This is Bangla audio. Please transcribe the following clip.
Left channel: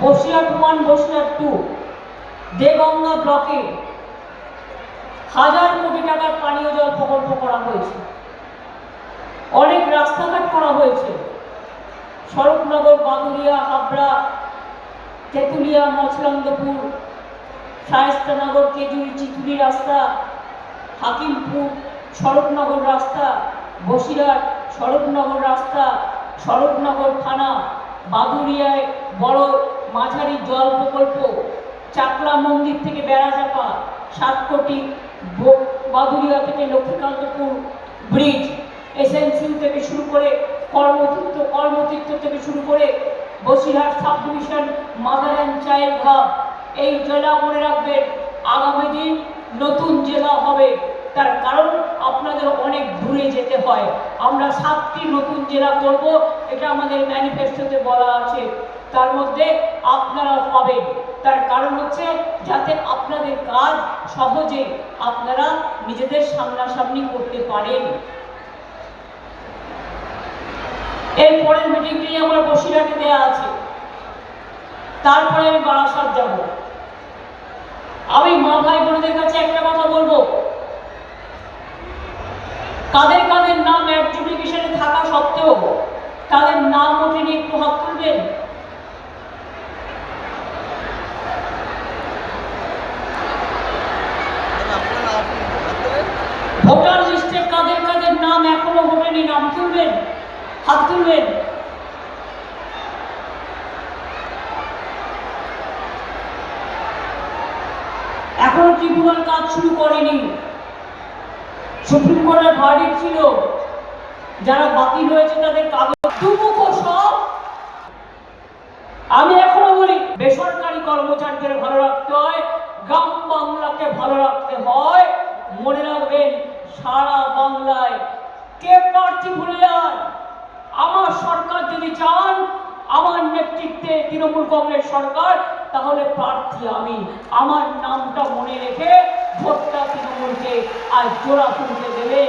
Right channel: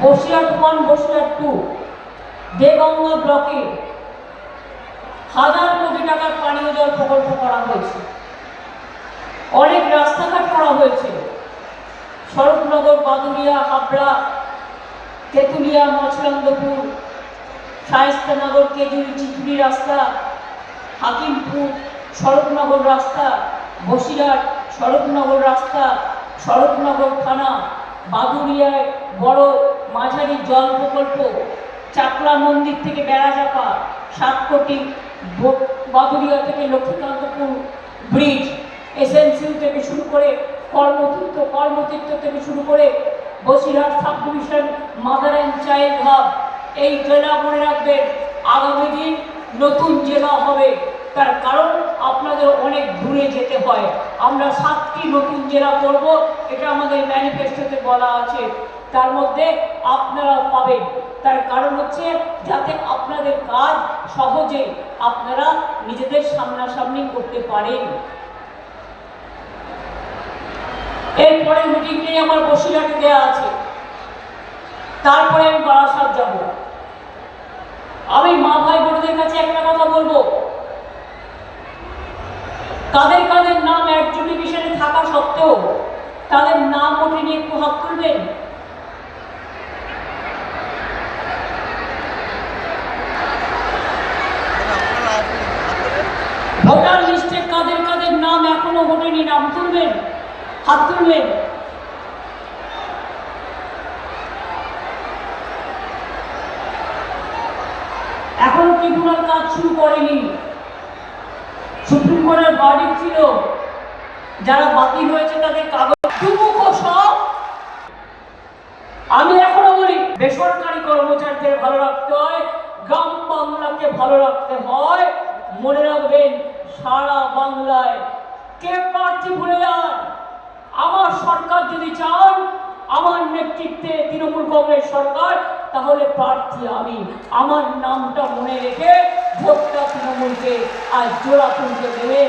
বসিরহাট 1, বসিরহাট 2 দেগঙ্গা ব্লকে 1000 কোটি টাকার পানীয় জল প্রকল্প করা হয়েছে। অনেক রাস্তাঘাট করা হয়েছে। স্বরূপনগর, বাদুড়িয়া, হাবড়া, তেঁতুলিয়া, মছলান্দপুর, শায়েস্তানগর, কেজুরি, চিচুড়ি রাস্তা, হাকিমপুর স্বরূপনগর রাস্তা, বসিরহাট স্বরূপনগর রাস্তা, স্বরূপনগর থানা, বাদুড়িয়ায় বড় মাঝারি জল প্রকল্প, চাকলা মন্দির থেকে বেড়াচাপা 7 কোটি, বাদুড়িয়া থেকে লক্ষ্মীকান্তপুর ব্রিজ, এসএনসিউ থেকে শুরু করে কর্মতীর্থ থেকে শুরু করে Basirhat sub division mother and child hub. এই জেলা মনে রাখবেন আগামী দিন নতুন জেলা হবে, তার কারণ আপনাদের অনেক দূরে যেতে হয়। আমরা 7টি নতুন জেলা করব, এটা আমাদের ম্যানিফেস্টোতে বলা আছে, তার মধ্যে আপনারা পাবেন। তার কারণ হচ্ছে যাতে আপনাদের কাজ সহজে আপনারা নিজেদের সামনাসামনি করতে পারেন। এরপরের মিটিংটাই আমার বসিরহাটে দেওয়া আছে, তারপরে আমি বারাসাত যাব। আমি মা ভাই বোনদের কাছে একটা কথা বলবো, কাদের কাদের নাম অ্যাডজুডিকেশনে থাকা সত্ত্বেও তাদের নাম ওঠেনি, একটু হাত তুলবেন। ভোটার লিস্টে কাদের কাদের নাম এখনো ওঠেনি, নাম তুলবেন, হাত তুলবেন। এখনো ট্রিব্যুনাল কাজ শুরু করেনি। সুপ্রিম কোর্টের ভার্ডিক্ট ছিল, যারা বাতিল হয়েছে তাদের কাগজ দুমুখ সব। আমি এখনো বলি বেসরকারি কর্মচারীদের ভালো রাখতে হয়, গ্রাম বাংলাকে ভালো রাখতে হয়। মনে রাখবেন সারা বাংলায় কে প্রার্থী ভুলে যান। আমার সরকার যদি চান, আমার নেতৃত্বে তৃণমূল কংগ্রেস সরকার, তাহলে প্রার্থী আমি। আমার নামটা মনে রেখে ভোটটা তৃণমূলকে আর জোড়া ফুলকে দেবে।